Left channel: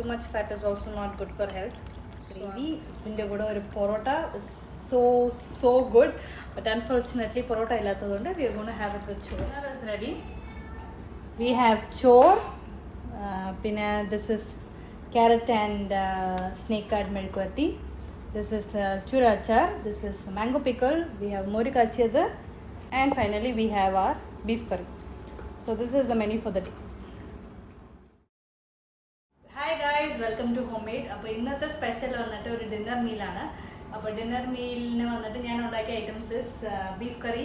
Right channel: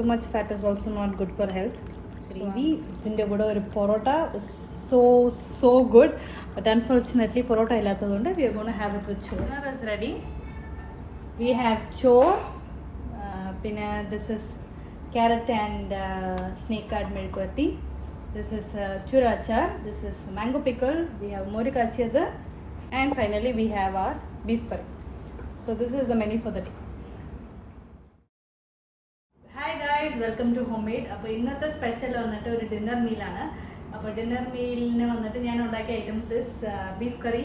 Too much fat is also not good for health. Gravy in the porota is so good, but unfortunately porota illathathonde we are going to have it with chor. Dinner is ready. We have chor. This is carrot and snake card melkwati. This is churachar. This is mango pickle. We have Moru kachiyadu, and finally we have our beef curry. So this is the menu for the day. Hi guys, welcome to Homemade. അപ്പോൾ ഇന്നത്തെ special വന്നിട്ട് ഒരു dinner മീലാണ്. അപ്പോൾ dinner മീലിന് വന്നിട്ട് ഞാൻ ഉണ്ടാക്കിയ items is beef കറി,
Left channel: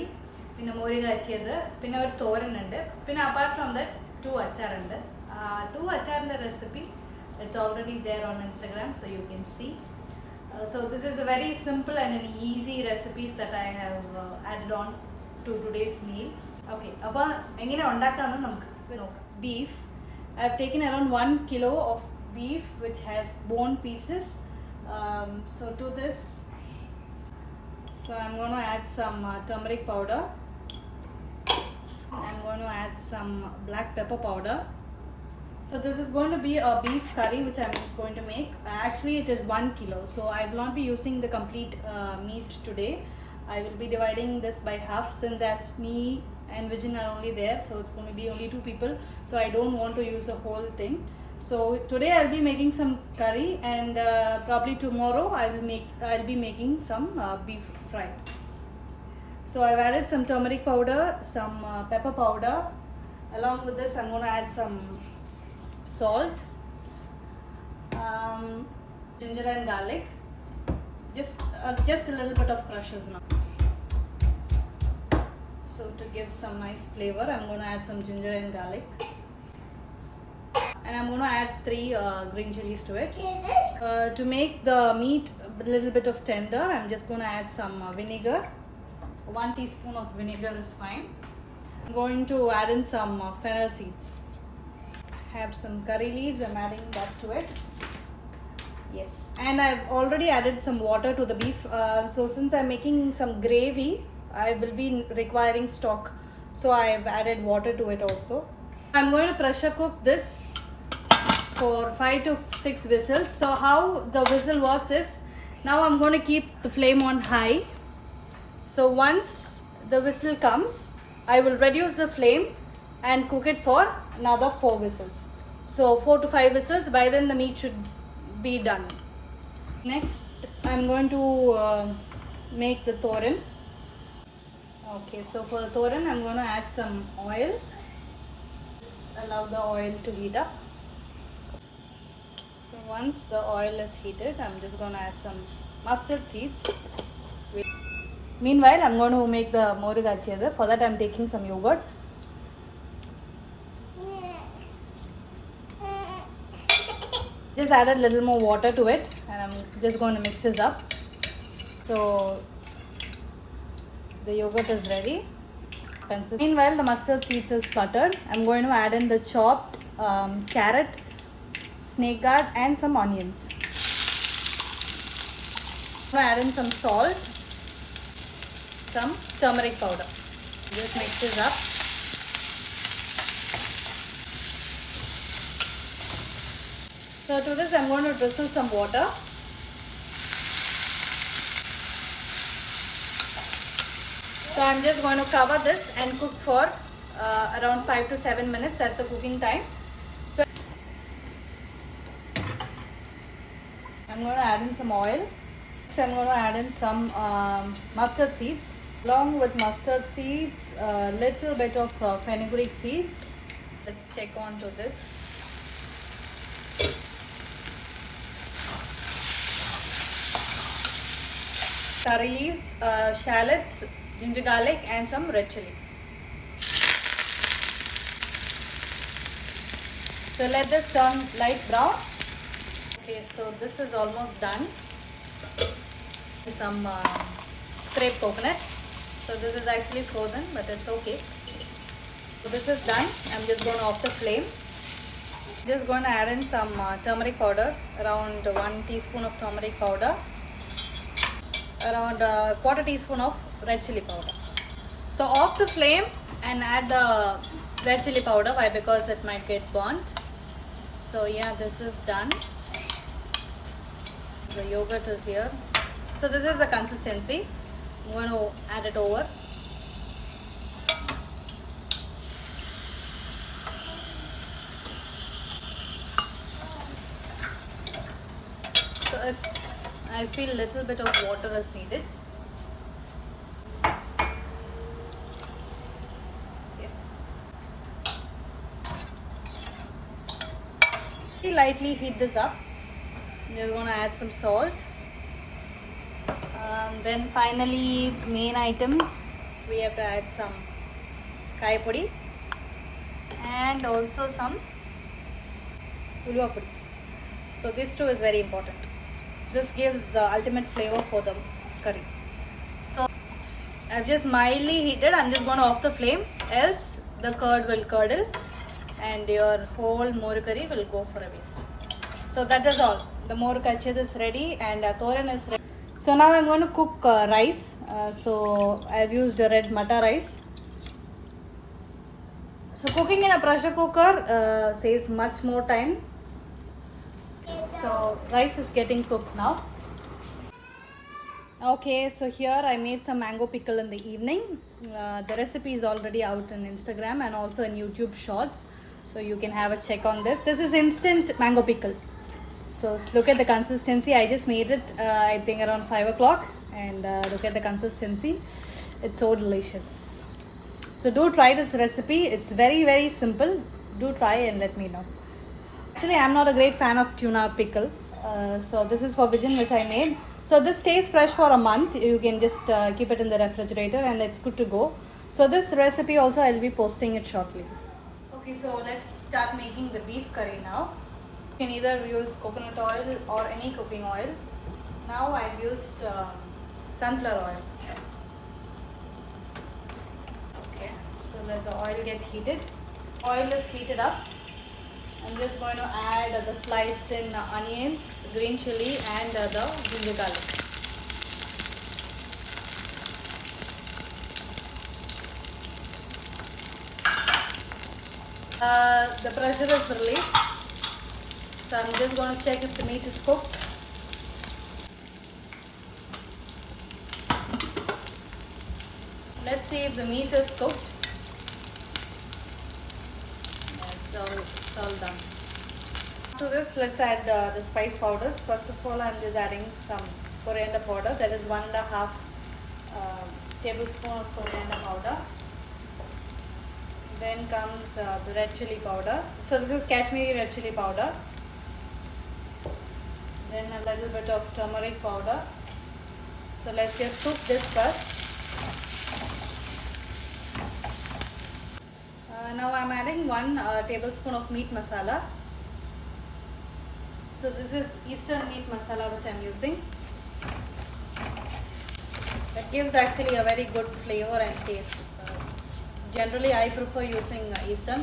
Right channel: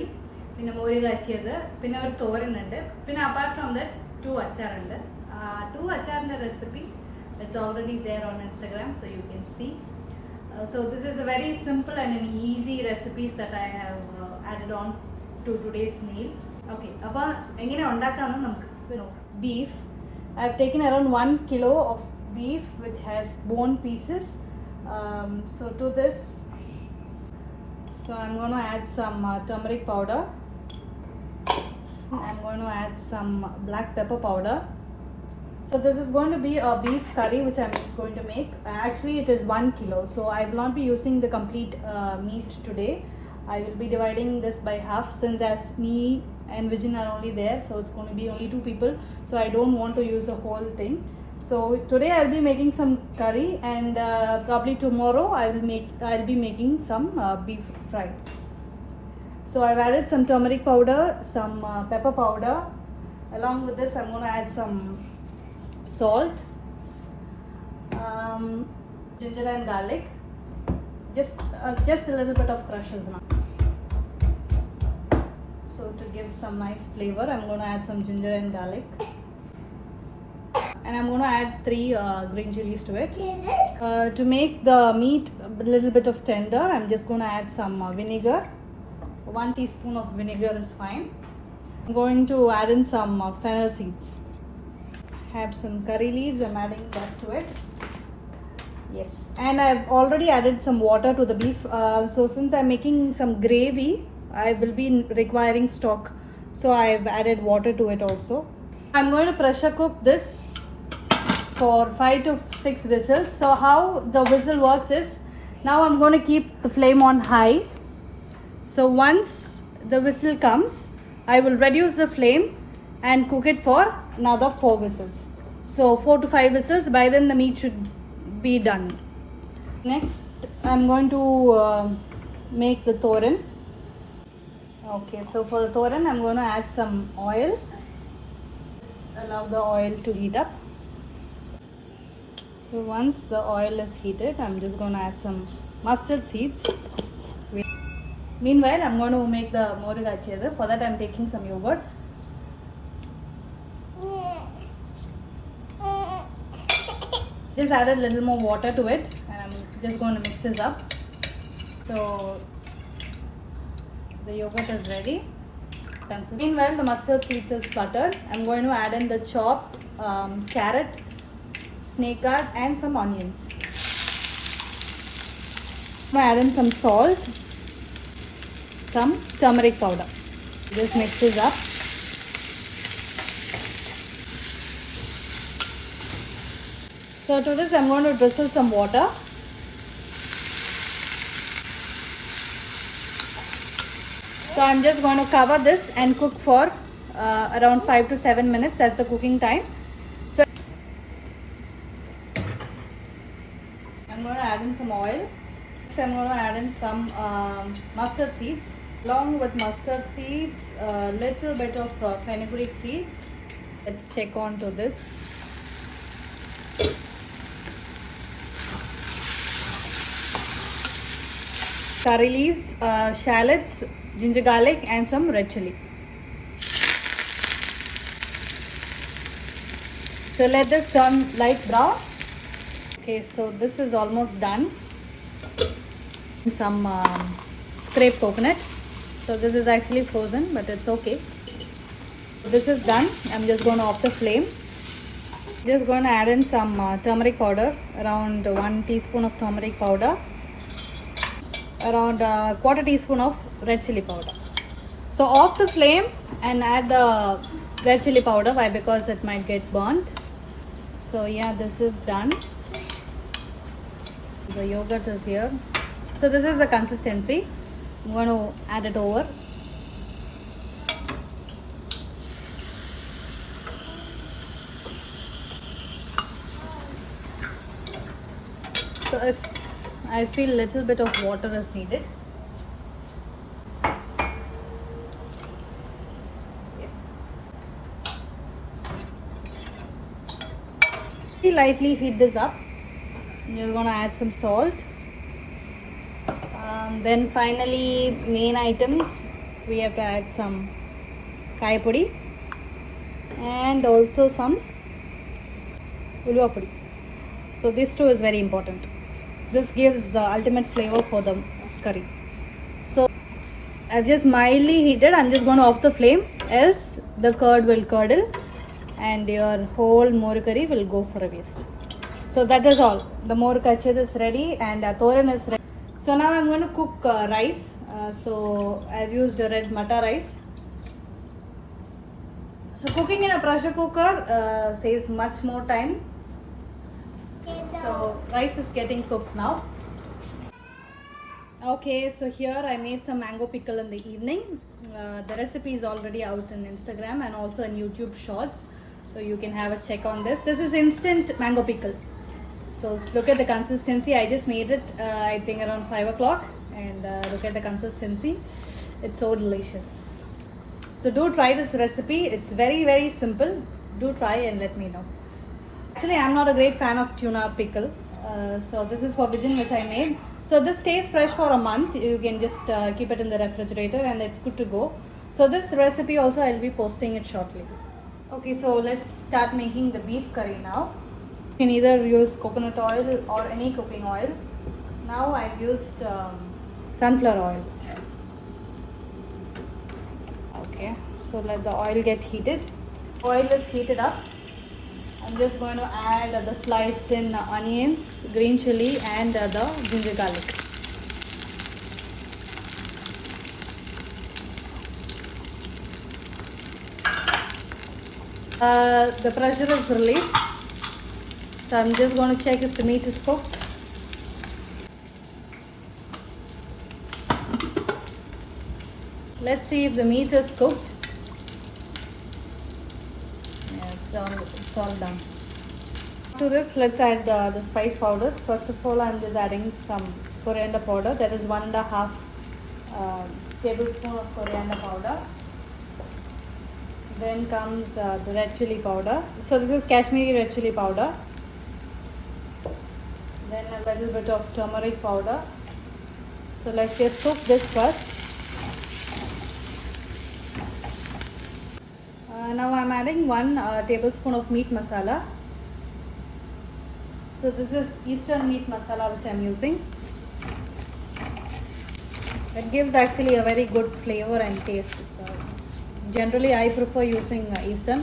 പിന്നെ മോര് കാച്ചിയത്, പിന്നെ ഒരു തോരനുണ്ട്, പിന്നെ അപ്പാർട്ട് ഫ്രോം ദാറ്റ് 2 അച്ചാറുണ്ട്. 2 അച്ചാറിൻ്റെ recipe it's already there on Instagram, so you can see. So this is a very simple and an easy recipes that I have added on to today's meal. Okay, അപ്പോൾ എങ്ങനെ ഉണ്ടാക്കാമെന്ന് നമുക്ക് നോക്കാം. Beef, I have taken around 1 kilo of beef which has bone pieces. So to this, I'm going to add some turmeric powder. I'm going to add some black pepper powder. So this is going to be a beef curry which I'm going to make. Actually it is 1 kilo, so I will not be using the complete meat today. I will be dividing this by half, since as me and Vijin are only there, so it's going to be only 2 people, so I don't want to use the whole thing. So today I'll be making some curry, and probably tomorrow I'll be making some beef fry. So I've added some turmeric powder, some pepper powder. Along with this I'm going to add some salt, ginger and garlic, just a little bit of crushes now. So to give some nice flavor, I'm going to add some ginger and garlic, and I'm going to add 3 green chilies to it. To make the meat a little bit of tender, I'm just going to add some vinegar. 1 teaspoon of vinegar is fine. I'm going to add in some fennel seeds. I have some curry leaves, I'm adding that to it. Yes, and I've already added some water to the beef. So since I'm making some gravy, I will be requiring stock, so I've added water to it also. I'm going to pressure cook this for 5 to 6 whistles. So how the whistle works is, now I'm going to keep the flame on high. So once the whistle comes, I will reduce the flame and cook it for another 4 whistles. So 4 to 5 whistles, by then the meat should be done. Next I'm going to make the thoran. Okay, so for the thoran I'm going to add some oil. Allow the oil to heat up. So once the oil is heated, I'm just going to add some mustard seeds. Meanwhile I'm going to make the moru kachiyadu. For that I'm taking some yogurt. Just added a little more water to it, and I'm just going to mix this up. So the yogurt is ready. Meanwhile the mustard seeds is buttered. I'm going to add in the chopped carrot, snake card, and some onions. I'm going to add in some salt, some turmeric powder. Just mix this up. So to this I'm going to drizzle some water. So I'm just going to cover this and cook for around 5 to 7 minutes. That's the cooking time. So I'm going to add in some oil. Next I'm going to add in some mustard seeds. Along with mustard seeds, a little bit of fenugreek seeds. Let's check on to this. Curry leaves, shallots, ginger garlic, and some red chili. So let this turn light brown. Okay, so this is almost done. Some scraped coconut. So this is actually frozen, but it's okay. So this is done. I'm just going to off the flame. Just going to add in some turmeric powder, around 1 teaspoon of turmeric powder. Around 1/4 teaspoon of red chili powder. So off the flame and add the red chili powder. Why? Because it might get burnt. So So yeah, this is done. The yogurt is here. So this is the consistency. I'm going to add it over. So if I feel a little bit of water is needed. Lightly heat this up. You're going to add some salt. Then finally, main items, we have to add some kai pudi and also some ulva pudi. So this too is very important. This gives the ultimate flavor for the curry. So I've just mildly heated. I'm just going to off the flame, else the curd will curdle and your whole moru curry will go for a waste. So that is all. The moru kachad is ready and thoran is ready. So now I'm going to cook rice. So I've used a red mata rice. So cooking in a pressure cooker saves much more time. So rice is getting cooked now. Okay, so here I made some mango pickle in the evening. The recipe is already out on Instagram and also in YouTube Shorts. So you can have a check on this. This is instant mango pickle. So look at the consistency. I just made it I think around 5 o'clock and look at the consistency. It's so delicious. So do try this recipe. It's very simple. Do try and let me know. Actually, I'm not a great fan of tuna pickle. So this is for Vision which I made. So this stays fresh for a month. You can just keep it in the refrigerator and it's good to go. So this recipe also I'll be posting it shortly. Okay, so let's start making the beef curry now. You can either use coconut oil or any cooking oil. Now I've used sunflower oil. Okay, so let the oil get heated. Oil is heated up. I'm just going to add the sliced in onions, green chili and the ginger garlic. The pressure is released. So I'm just going to check if the meat is cooked. Let's see if the meat is cooked. It's all done. To this, let's add the spice powders. First of all, I'm just adding some coriander powder. That is 1.5 tablespoon of coriander powder. Then comes the red chili powder. So this is Kashmiri red chili powder. Then a little bit of turmeric powder. So let's just cook this first. Now I'm adding 1 tablespoon of meat masala. So this is Eastern meat masala which I'm using. It gives actually a very good flavor and taste. Generally I prefer using Eastern.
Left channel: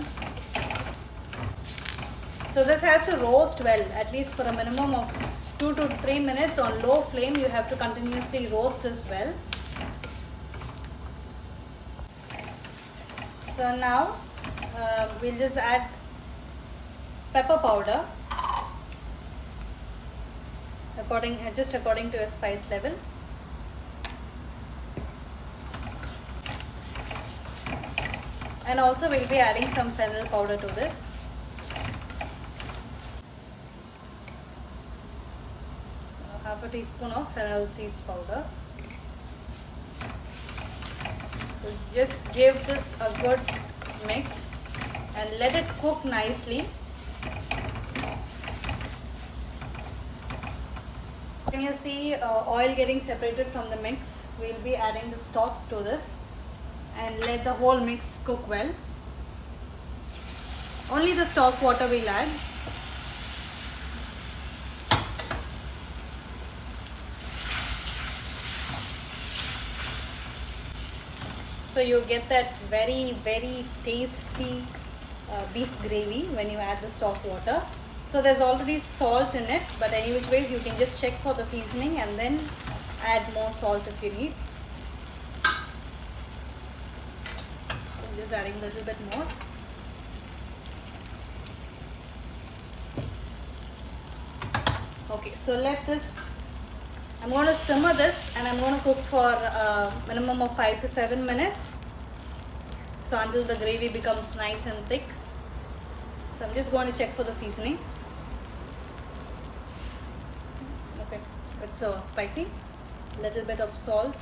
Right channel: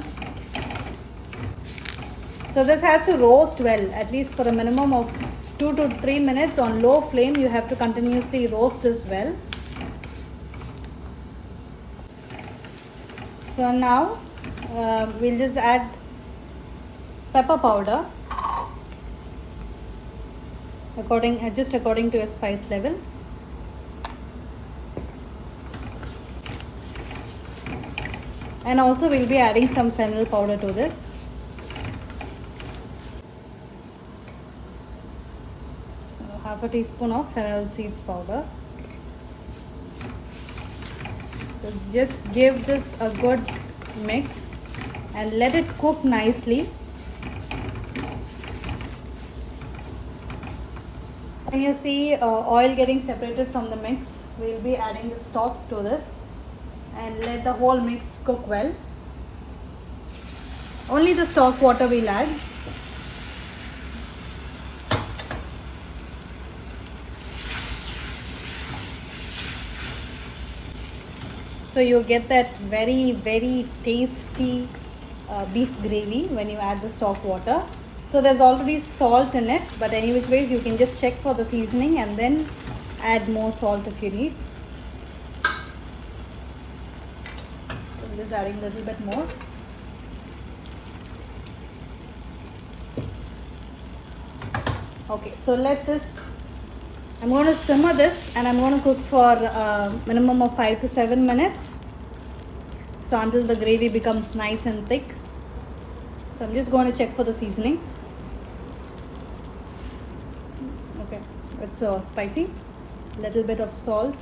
So this has to roast well, at least for a minimum of 2 to 3 minutes on low flame. You have to continuously roast this well. So now we'll just add pepper powder according to your spice level. And also we'll be adding some fennel powder to this. So half a teaspoon of fennel seeds powder. So just give this a good mix and let it cook nicely. When you see oil getting separated from the mix, we'll be adding the stock to this and let the whole mix cook well. Only the stock water we'll add. So you get that very tasty beef gravy when you add the stock water. So there's already salt in it, but anyways you can just check for the seasoning and then add more salt if you need. So I'm just adding a little bit more. Okay, so let this. I'm going to simmer this and I'm going to cook for minimum of 5 to 7 minutes. So until the gravy becomes nice and thick. So I'm just going to check for the seasoning. Okay, it's so spicy. Little bit of salt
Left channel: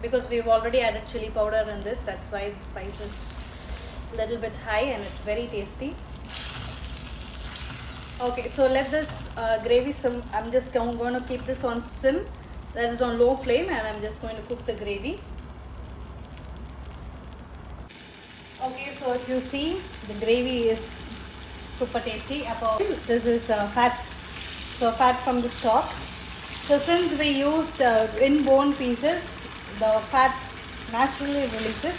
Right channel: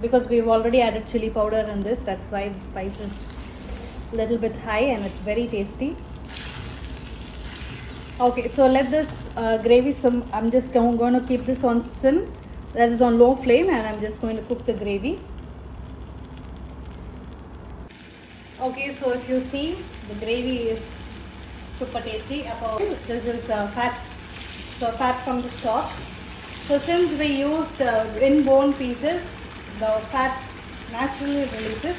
because we've already added chili powder in this. That's why the spice is a little bit high and it's very tasty. Okay, so let this gravy sim. I'm just going to keep this on sim. That is on low flame, and I'm just going to cook the gravy. Okay, so if you see, the gravy is super tasty. This is fat, so fat from the stock. So since we used in-bone pieces, the fat naturally releases.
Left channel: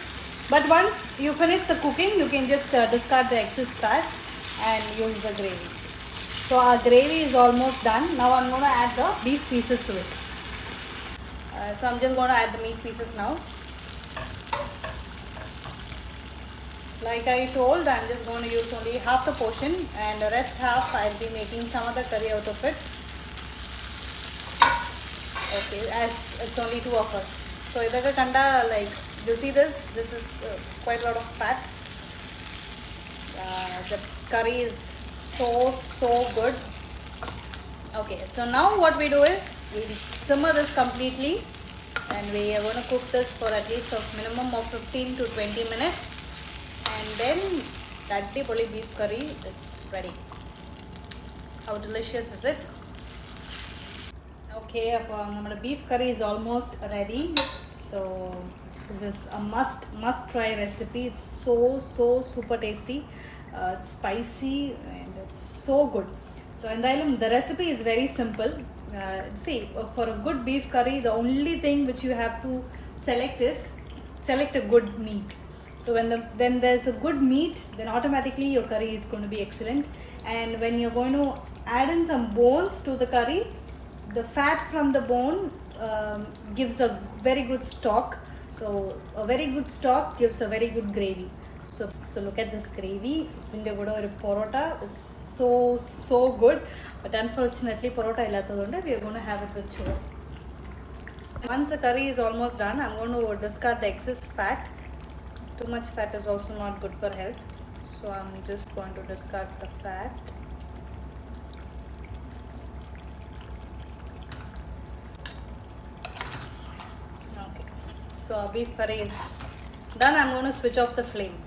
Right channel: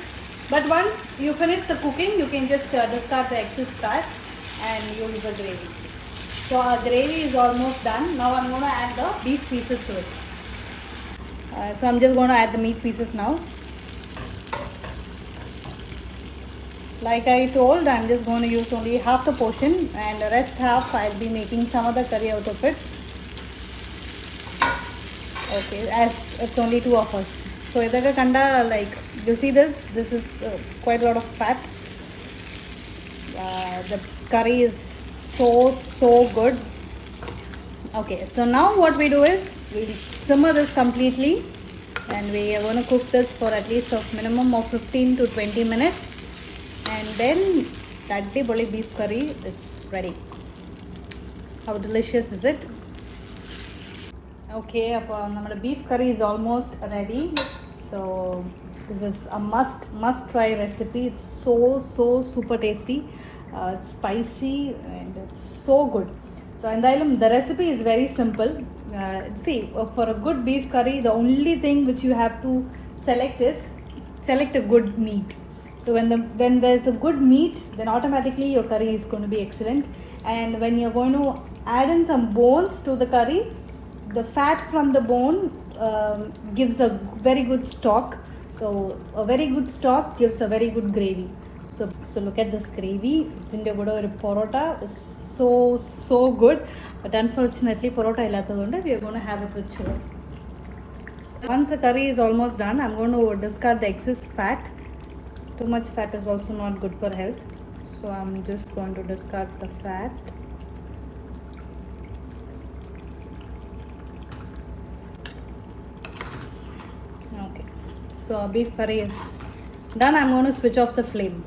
But once you finish the cooking, you can just discard the excess fat and use the gravy. So our gravy is almost done. Now I'm going to add the beef pieces to it. So I'm just going to add the meat pieces now. Like I told, I'm just going to use only half the portion and the rest half I'll be making some other curry out of it. Okay, as it's only 2 of us. So idaga kanda, like you see this is quite a lot of fat. The curry is so good. Okay, so now what we do is we simmer this completely and we are going to cook this for at least a minimum of 15 to 20 minutes and then that beef curry is ready. How delicious is it? Okay, our beef curry is almost ready. So this is a must try recipe. It's so super tasty. It's spicy and it's so good. So and the recipe is very simple. See, for a good beef curry, the only thing which you have to select is select a good meat. So when there's a good meat, then automatically your curry is going to be excellent. And when you're going to add in some bones to the curry, the fat from the bone gives a very good stock. So a very good stock gives a very good gravy. So look at this gravy. Porota is so good. But unfortunately, porota illathathonde we are going to have it with churro. Once the curry is almost done, I'm going to discard the excess fat. Too much fat is also not good for health. So I'm just going to discard the fat. Okay. So our beef curry is done. I'm going to switch off the flame.